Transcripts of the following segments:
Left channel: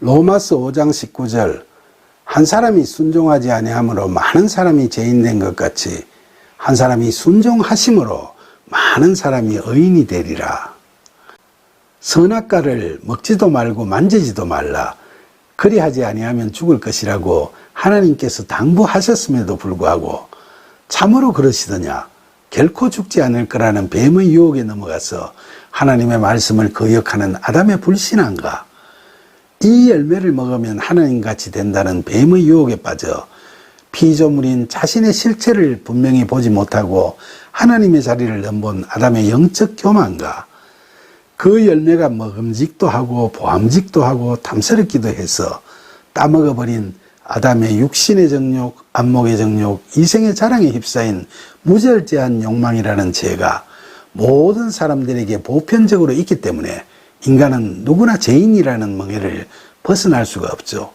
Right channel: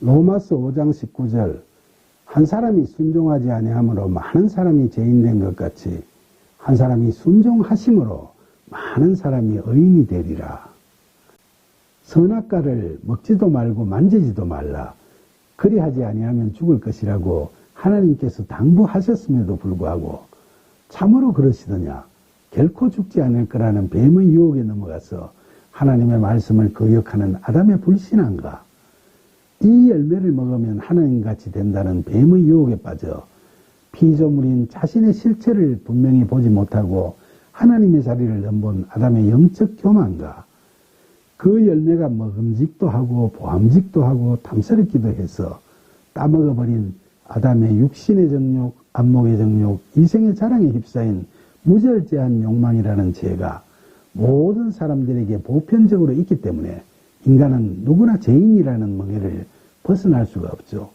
로마서 5장 19절 한 사람이 순종하지 아니함으로 많은 사람이 죄인된 것 같이 한 사람이 순종하심으로 많은 사람이 의인이 되리라. 선악과를 먹지도 말고 만지지도 말라. 그리하지 아니하면 죽을 것이라고 하나님께서 당부하셨음에도 불구하고 참으로 그러시더냐? 결코 죽지 않을 거라는 뱀의 유혹에 넘어가서 하나님의 말씀을 거역하는 아담의 불신앙과 이 열매를 먹으면 하나님같이 된다는 뱀의 유혹에 빠져 피조물인 자신의 실체를 분명히 보지 못하고 하나님의 자리를 넘본 아담의 영적 교만과 그 열매가 먹음직도 하고 보암직도 하고 탐스럽기도 해서 따먹어버린 아담의 육신의 정욕, 안목의 정욕, 이생의 자랑에 휩싸인 무절제한 욕망이라는 죄가 모든 사람들에게 보편적으로 있기 때문에 인간은 누구나 죄인이라는 멍에를 벗어날 수가 없죠.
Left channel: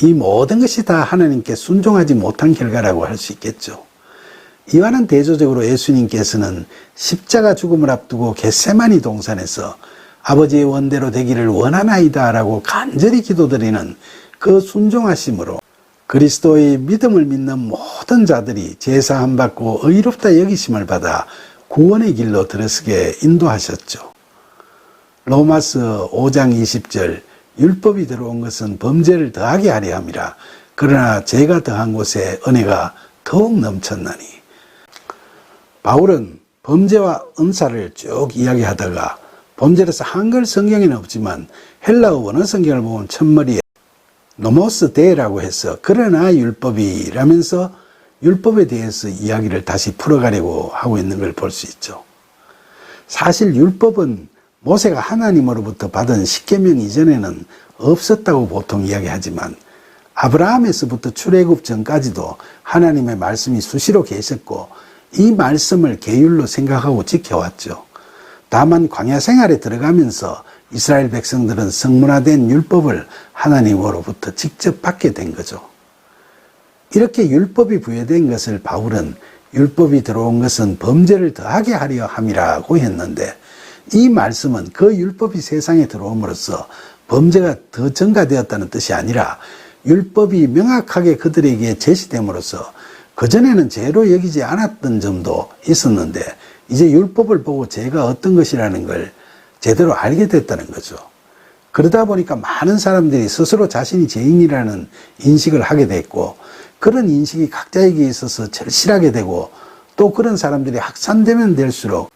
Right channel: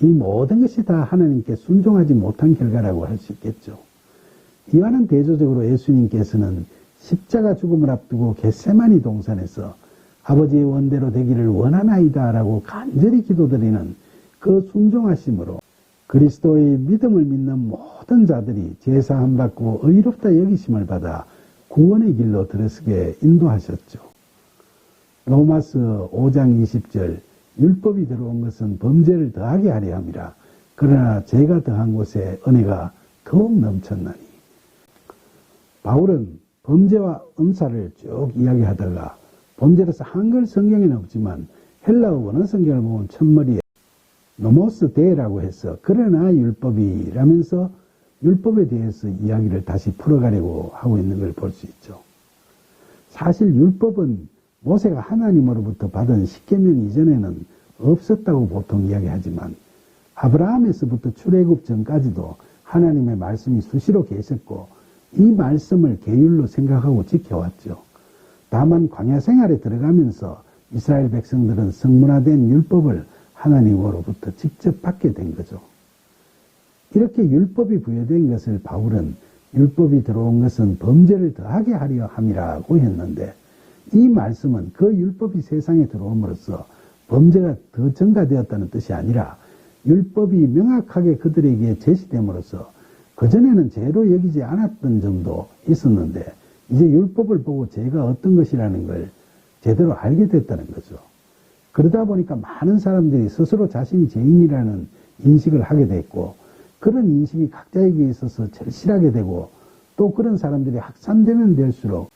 이 모든 것이 다 하나님께 순종하지 못한 결과라고 할 수 있겠죠. 이와는 대조적으로 예수님께서는 십자가 죽음을 앞두고 겟세마니 동산에서 아버지의 원대로 되기를 원하나이다 라고 간절히 기도드리는 그 순종하심으로 그리스도의 믿음을 믿는 모든 자들이 제사함 받고 의롭다 여기심을 받아 구원의 길로 들어서게 인도하셨죠. 로마서 5장 20절 율법이 들어온 것은 범죄를 더하게 하려 함이라. 그러나 죄가 더한 곳에 은혜가 더욱 넘쳤나니. 바울은 범죄와 은사를 쭉 이야기하다가 범죄라서 한글 성경에는 없지만 헬라어 원어 성경을 보면 첫머리에 노모스 데라고 해서 그러나 율법이 라면서 율법에 대해서 이야기를 다시 풀어가려고 하고 있는 걸 볼 수 있죠. 사실 율법은 모세가 하나님으로부터 받은 십계명 이전에는 없었다고 보통 이야기하지만 아브라함에서부터 출애굽 전까지도 하나님의 말씀이 수시로 계셨고 이 말씀을 계율로 생각하고 지켜왔죠. 다만 광야 생활에 들어가면서 이스라엘 백성들은 성문화된 율법을 하나님으로부터 직접 받게 된 거죠. 이렇게 율법이 부여된 것을 바울은 율법이 들어온 것은 범죄를 더하게 하려 함이라고 했는데 이 말씀은 그 율법이 세상에 들어옴으로써 범죄가 더 증가되었다는 뜻이 아니라 율법이 명확하게 그들에게 제시됨으로써 그전에는 죄로 여기지 않았던 점도 있었는데 이제 율법을 보고 죄가 어떤 것이라는 걸 제대로 알게 됐다는 거죠. 그러다 보니까 많은 사람들이 스스로 자신이 죄인이라는 인식을 하게 됐고 그런 인식이 각자에게 있어서 절실하게 되고 또 그런 사람들이 확산되면 될수록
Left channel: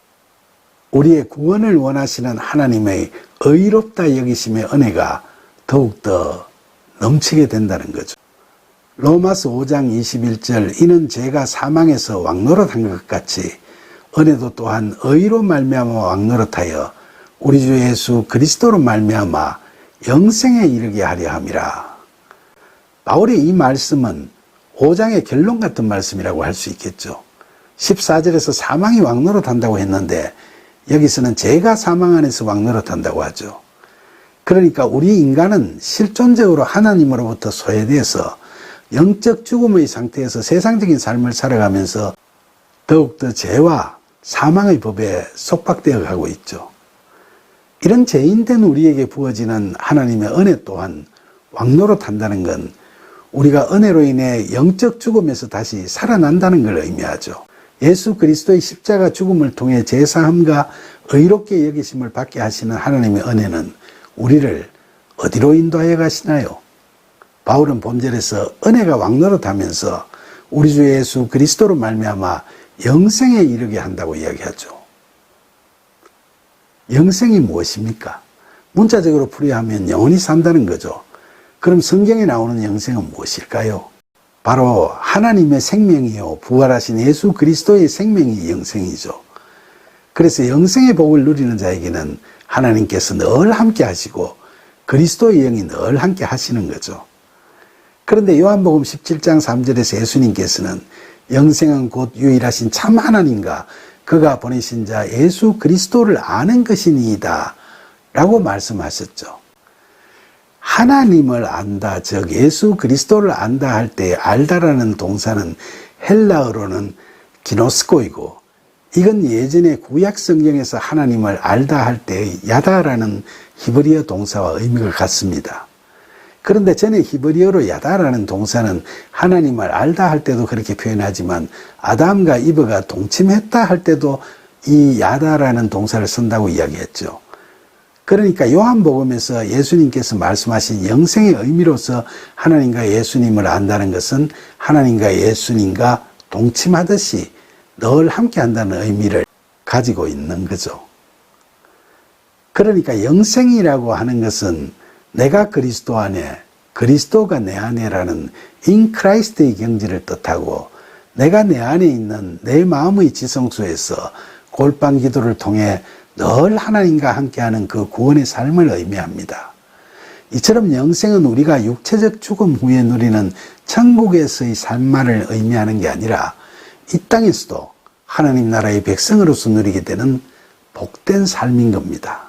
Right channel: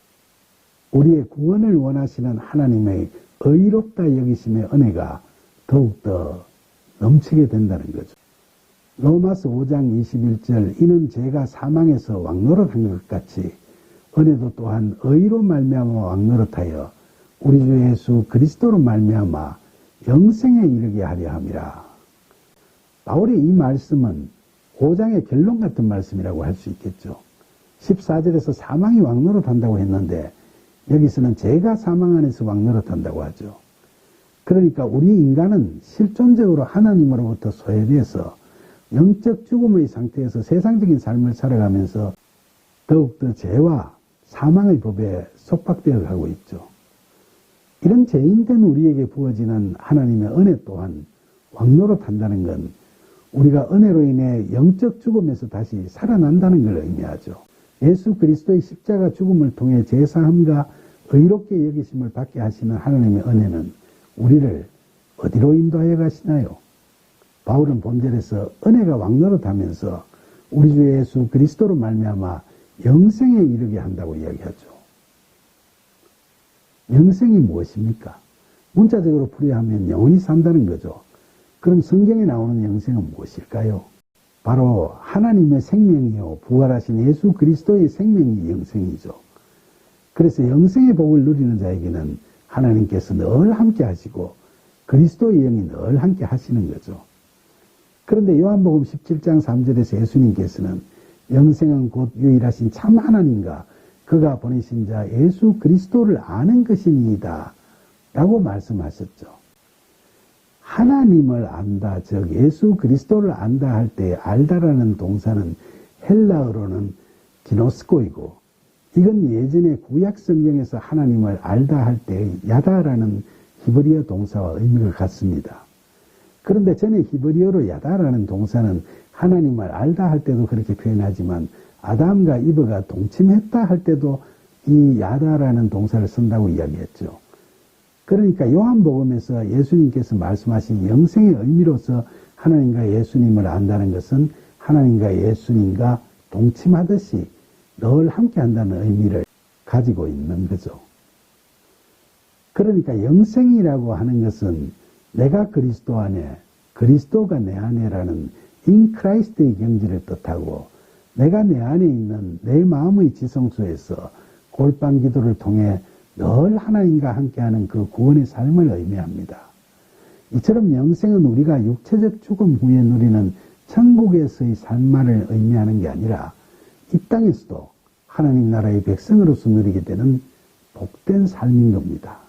우리의 구원을 원하시는 하나님의 의롭다 여기심의 은혜가 더욱더 넘치게 된다는 거죠. 로마서 5장 21절 이는 죄가 사망에서 왕노릇한 것 같이 은혜도 또한 의로 말미암아 왕노릇하여 우리 주 예수 그리스도로 말미암아 영생에 이르게 하려 함이라. 바울의 이 말씀은 5장의 결론 같은 말씀이라고 할 수 있겠죠. 14절에서 사망이 왕노릇한다고 했는데 여기서는 죄가 사망 안에서 왕노릇한다고 하죠. 그러니까 우리 인간은 실존적으로 하나님으로부터 소외돼서 영적 죽음의 상태에서 세상적인 삶을 살아가면서 더욱더 죄와 사망의 법에 속박되어 가고 있죠. 이런 죄인된 우리에게 부어지는 하나님의 은혜 또한 왕노릇한다는 건 우리가 은혜로 인해 영적 죽음에서 다시 살아난다는 걸 의미하죠. 예수 그리스도의 십자가 죽음을 통해 제사함과 의롭게 여기심을 받게 하시는 하나님의 은혜는 우리를 어디로 인도하여 가시나요? 바울은 본절에서 은혜가 왕노릇하면서 우리 주 예수 그리스도로 말미암아 영생에 이르게 한다고 이야기하죠. 영생이 무엇입니까? 문자적으로 풀이하면 영원히 산다는 거죠. 그럼 성경에 나오는 영생은 무엇일까요? 바로 하나님의 생명이요 부활하신 예수 그리스도의 생명이 영생이죠. 그래서 영생의 복을 누리는 자에게는 하나님께서 늘 함께 하시고 그리스도의 영이 늘 함께 하시는 거죠. 그런데 요한복음 17장 3절에서 예수님께서는 영생은 곧 유일하신 참 하나님과 그가 보내신 자 예수 그리스도를 아는 것이니이다 라고 말씀하셨죠. 하나님을 안다, 즉 예수 그리스도를 안다 할 때 알다라는 동사는 헬라어로는 기노스코이고 이건 예전에 구약 성경에서 하나님을 알다 할 때 야다라는 히브리어 동사와 의미가 같습니다. 그런데 전에 히브리어로 야다라는 동사는 하나님을 알다 할 때도 그렇게 표현하지만 아담과 이브가 동침했다 할 때도 이 야다라는 동사를 쓴다고 이야기했죠. 그러니까 요한복음에서 예수님께서 말씀하신 영생의 의미로서 하나님과 예수님을 안다는 것은 하나님과 예수님과 동침하듯이 늘 함께 한다는 의미를 가지고 있는 거죠. 그러니까 영생이라고 하는 것은 내가 그리스도 안에, 그리스도가 내 안에라는 in Christ의 경지를 뜻하고 내가 내 안에 있는 내 마음의 지성소에서 골방 기도를 통해 늘 하나님과 함께하는 그 구원의 삶을 의미합니다. 이처럼 영생은 우리가 육체적 죽음 후에 누리는 천국에서의 삶만을 의미하는 게 아니라 이 땅에서도 하나님 나라의 백성으로서 누리게 되는 복된 삶인 겁니다.